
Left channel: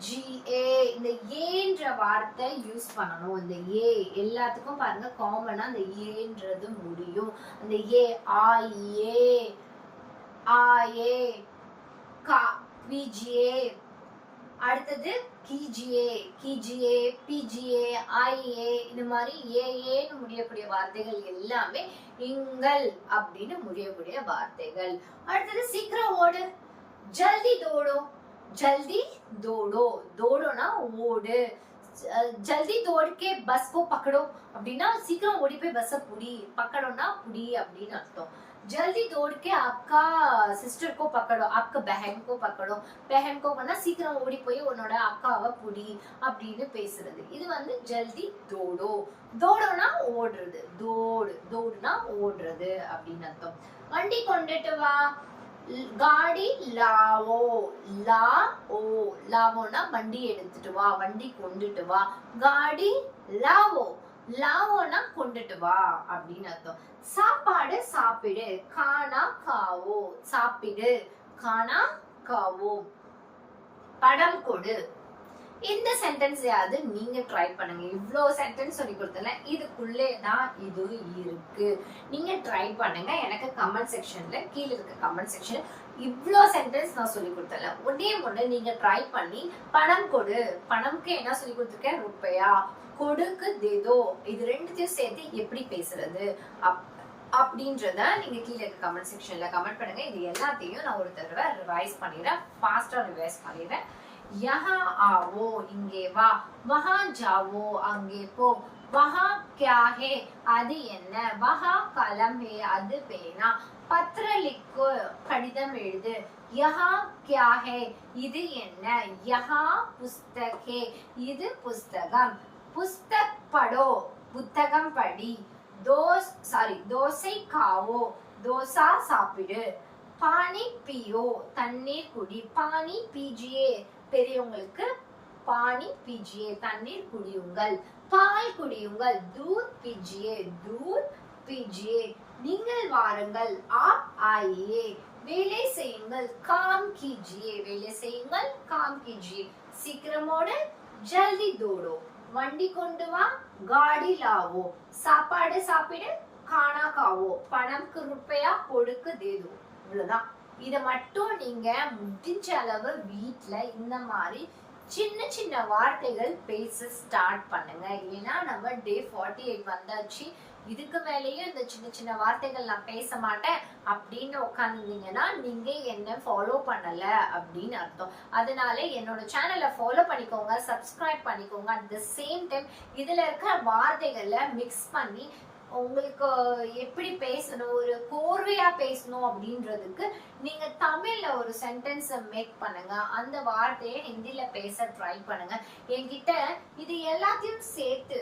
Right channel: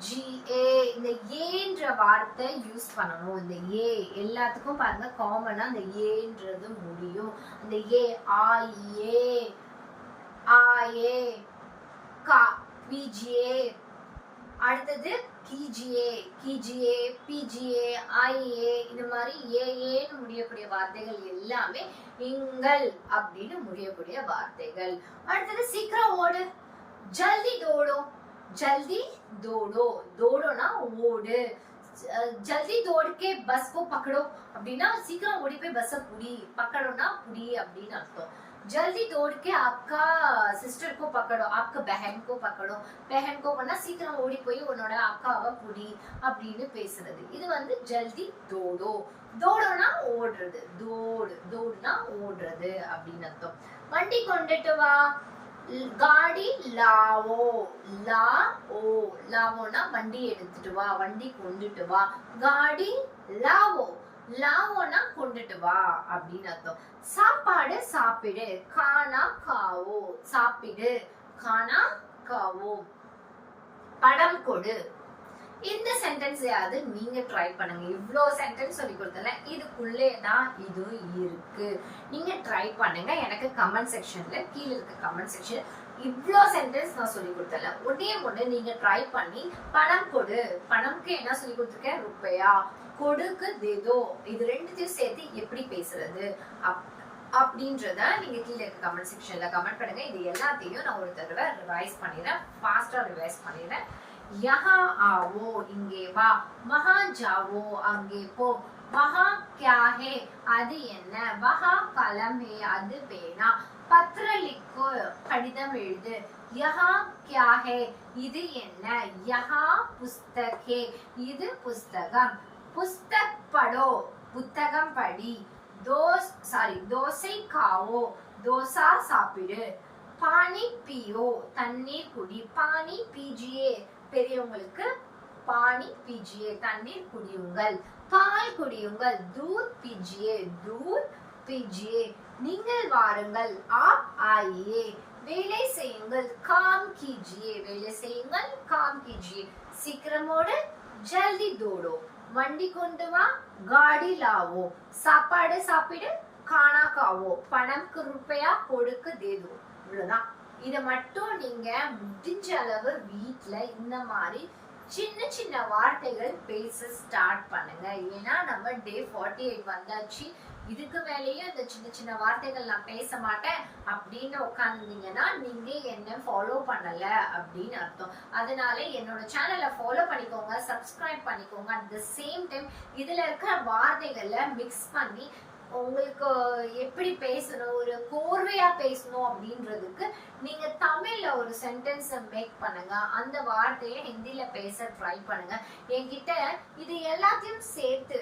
ஜிஏ இந்த ஏன்ற வார்த்தை யூஸ் பண்ணணும். இந்த ஏ எல்லாத்துக்கும் பாருங்க காமனா அந்த ஏன்றது முடியும். அந்த ஏ ஆயே, ஆயே, கா, பிஜிஏ, அடுத்தது கிஜிஏ, கிஜிஏ, பிஜிஏ, ஐஏ இந்த மாதிரி ஏன்னு முடியக்கூடிய வார்த்தைகள் எல்லாமே இங்கள் அப்படின்னு முடியக்கூடிய வார்த்தைகள். அடுத்தது சீக்கிரம் ஓடு, ஜல்தி தோடோ, जल्दी दौड़ो, दौड़ोना ஓடு, जल्दी दौड़ के बस को पकड़ो அப்படின்னா சீக்கிரம் ஓடி போய் பஸ் புடி, पकड़ोना புடி அப்படின்னு அர்த்தம். जल्दी दौड़ के आपका सिस्टर को पकड़ो, आपका बहन को पकड़ो, बहन को பண்ணா சீக்கிரம் ஓடி போய் உன்னோட அக்காவை புடி அப்படின்னு பேசுறது. இது வந்து ஜல்தி தோடோ, தோடோனா ஓடுறது, தோடுனா ஓடுறது அப்படின்னு அர்த்தம். வண்டி கொண்டுட்டு வா, गाड़ी लावो, लावोना வண்டி எடுத்துட்டு வா, வண்டி கொண்டுட்டு வா. गाड़ी लावो, लावोना கொண்டுட்டு வா அப்படின்னு அர்த்தம். சாப்பாடு சாப்பிடு, खाना खाओ, சாப்பிடு, खाना खाओ. படம் கொடு. இந்த சென்டென்ஸையாவது நீங்க ட்ரை பண்ணுங்க. இவ்வளோ சென்டென்ஸ் சொல்லி கொடுத்தல, இதுக்குள்ளே தான் இது இருக்கு. நீங்க ட்ரை பண்ணுங்க. எனக்கு கமெண்ட் செக்ஷன்ல கீழே இருக்க கமெண்ட் செக்ஷன் இவ்வளோ சென்டென்ஸ் நான் சொல்லி கொடுத்தல, ஒண்ணு நீங்க ட்ரை பண்ணி பணம் கொடு, பணம்க்கு என்ன சொல்லி கொடுத்துருக்கேன், ருப்பையா, கொடுக்கு தேதோ, இது ரெண்டுத்தையும் சேர்த்து எப்படி பேசுறது அப்படின்றத நீங்க கீழே இருக்க கமெண்ட் செக்ஷன்ல கமெண்ட் பண்ணுங்க. இது எல்லாத்தையும் நான் ஒரு தடவை ரிவைஸ் பண்ணிடுறேன், ஃபாஸ்டா ரிவைஸ் பண்ணிடுறேன். यहाँ आओ, இங்கே வா, वहां जाओ, அங்கே போ, वहां क्या है, அது என்ன, वहां कलम है, அது பேனா, पत्र लिखो, கடிதம் எழுது, यहाँ क्या है, இது என்ன, यहाँ पुस्तक है, இது புஸ்தகம், पुस्तक पढ़ो, புத்தகம் படி, தோசை खाओ, தோசா சாப்பிடு, पानी पियो, தண்ணீர் குடி, पानी पीजिए பெரியவங்களுக்கு, पानी पीजिए தண்ணீர் குடியுங்கள், பால் குடியுங்கள், दूध पीजिए, दूध पीजिए, நீங்கள் வாருங்கள், आप आइए, வேலை செய்யுங்கள், काम कीजिए, வேலை செய்யுங்கள், काम कीजिए, சீக்கிரமோடு, जल्दी दौड़ो, வண்டி கொண்டு வா, गाड़ी लाओ, சாப்பாடு சாப்பிடு, खाना खाओ, பணம்க்கு रुपया கொடுக்கு देदो. இவ்வளவுதான். இத மட்டும் நீங்க முடிஞ்ச அளவு வீட்ல இந்த மாதிரி சின்ன சின்ன வார்த்தைகள் பேச ஸ்டார்ட் பண்ணுங்க. ஏன்னா நம்ம டே 48 வந்தாச்சு. இதுக்கு மேலேயும் இந்த சின்ன சின்ன வார்த்தைகள் நான் பேச மாட்டேன் அப்படின்னு உட்காந்துருந்தீங்கன்னா நீங்க என்ன ஃபாலோ பண்ணல அப்படின்னு அர்த்தம். அதனால என்னோட சேனலை ஃபாலோ பண்ணிக்கோங்க, சப்ஸ்கிரைப் பண்ணிக்கோங்க. அட் த சேம் டைம் இதுல இருக்கிற வார்த்தைகளை மிக்ஸ் பண்ணி உங்களுக்கு எப்படி பேசணும், ஒரு கோர்வையா பேசணும் அப்படின்றதுக்கு நீங்க தமிழ்ல ஒரு சென்டென்ஸ் மேக் பண்ணுங்க. அந்த வார்த்தையை ஹிந்தில பேச ட்ரை பண்ணுங்க. என்கிட்ட இது எல்லாத்தையும் சேர்த்து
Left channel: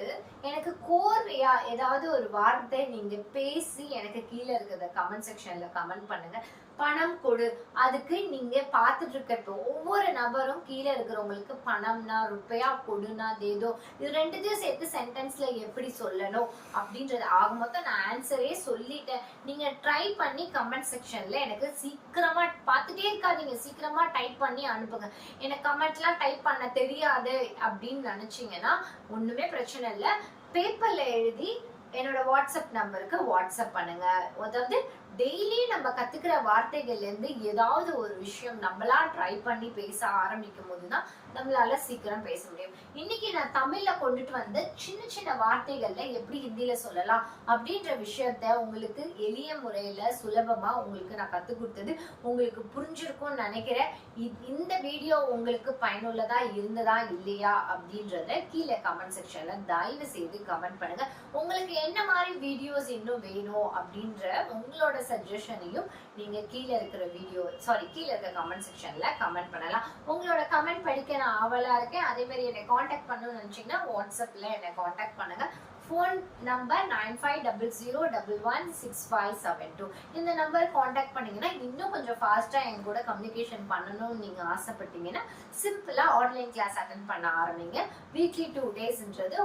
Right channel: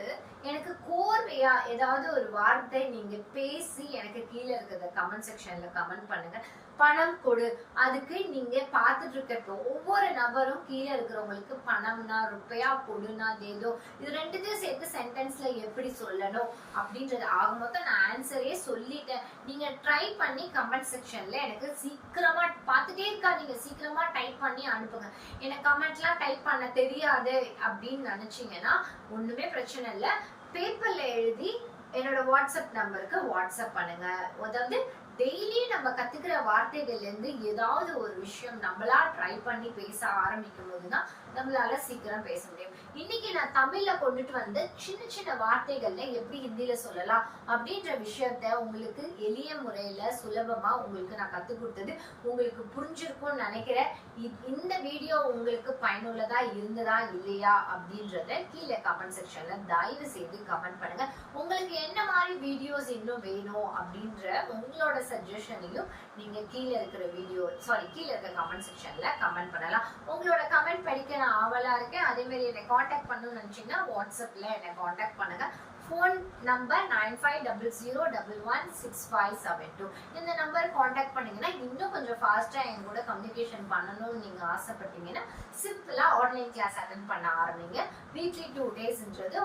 எனக்கு கோர்வையா ஏதாவது ஒரு வார்த்தை நீங்க பேசி எனக்கு கீழே இருக்கிறத கமெண்ட் செக்ஷன்ல கமெண்ட் பண்ணுங்க. பணம் கொடு, அதுக்கு நீங்க பாத்துட்டு இருக்க ஒவ்வொரு நபரும் கீழே இருக்கிறவங்களுக்கு பணம்னா ருப்பையா, கொடுனா தேதோ, இது ரெண்டுத்தையும் சேர்த்து சென்டென்ஸ்ல எப்படி சொல்லணும் அப்படின்றது ஆக மொத்தம் நான் ஆன்சரே சொல்லிட்டேன். நீங்க ட்ரை பண்ணி கமெண்ட் செக்ஷன்ல எனக்கு சீக்கிரமா பார்த்துட்டே இருக்காதீங்க, சீக்கிரமா டைப் பண்ணி அனுப்புங்க. எனக்கு கமெண்ட்லாம் டைப் பண்ண தெரியாது அப்படின்னு நினைச்சீங்கன்னா ஒண்ணுமே பிரச்சனை இல்லை, பேப்பர்ல எழுதி என்னோட வாட்ஸ்அப் நம்பருக்கு வாட்ஸ்அப் பண்ணுங்க. அதாவது டெய்லி நம்ம கத்துக்கிற வார்த்தைகள்ல இருந்து ஏதாவது ஒரு விஷயம் நம்மளா ட்ரை பண்ணி பேச ஆரம்பிக்கும் போதுதான் நம்மளால சீக்கிரம் பேச முடியும். இன்னைக்கு நான் தமிழ்ல கொண்டுட்டு வந்த சின்ன சின்ன வார்த்தைகள்ல எப்படி ஹிந்தியில சொல்லலாம் அப்படின்ற விஷயத்த உங்களுக்கு எளிய முறையில சுலபமா உங்களுக்கு நான் கத்து கொடுத்தது உங்களுக்கு புரிஞ்சிருக்கும்னு நினைக்கிறேன். இந்த வீடியோ உங்களுக்கு பயனுள்ளதா இருந்ததா இல்லையா அப்படின்றத கீழே கமெண்ட் செக்ஷன்ல தயவு செய்து கமெண்ட் பண்ணுங்க. உங்களுக்கு என்ன மாதிரி வீடியோஸ் இன்னும் வேணும் அப்படின்ற உங்களோட சஜஷனையும் நீங்க கீழே இருக்கிற கீழே இருக்கிற கமெண்ட் செக்ஷன்ல கமெண்ட் பண்ணலாம். உங்களோட கமெண்ட் படிக்க நான் ஆவலா இருக்கேன். அதே மாதிரி என்னை காண்டாக்ட் பண்ணணும்னு நினைச்சீங்கன்னா வாட்ஸ்அப்ல என்னை காண்டாக்ட் பண்ணுங்க. Phone number 9500116572. இந்த நம்பர் காண்டாக்ட் பண்ணீங்கன்னா இன்னும் கொஞ்சம் ஃபாஸ்டா என் கூட கம்யூனிகேஷன் பண்ணணும்னு நீங்க ஆசைப்பட்டீங்கன்னா சிம்பிளா ஆன்லைன் கிளாஸ் அட்டென்ட் பண்ண ஆரம்பிங்க. வீக்லி 2 டேஸ்ன்றது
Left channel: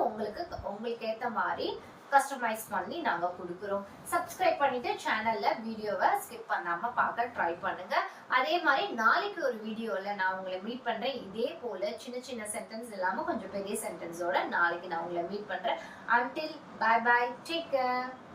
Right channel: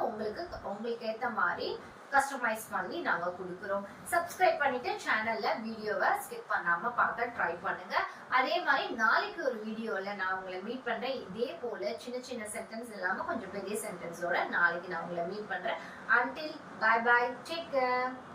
உங்களுக்கு ஏத்த மாதிரி கஸ்டமைஸ் பண்ணி நாங்க கொடுக்குறோம். சப்ஸ்கிரைப் பண்ணிட்டு சேனல்ல வீடியோவை ஸ்கிப் பண்ணாம பார்க்க ட்ரை பண்ணுங்க. அதே மாதிரி நாளைக்கு ஒரு வீடியோல நான் உங்களை மீட் பண்றேன். இதே போல சின்ன சின்ன சென்டென்ஸ் இல்லாம கொஞ்சம் பெரிய சென்டென்ஸோட நாளைக்கு நான் உங்களை மீட் பண்றேன். Until bye bye, take care.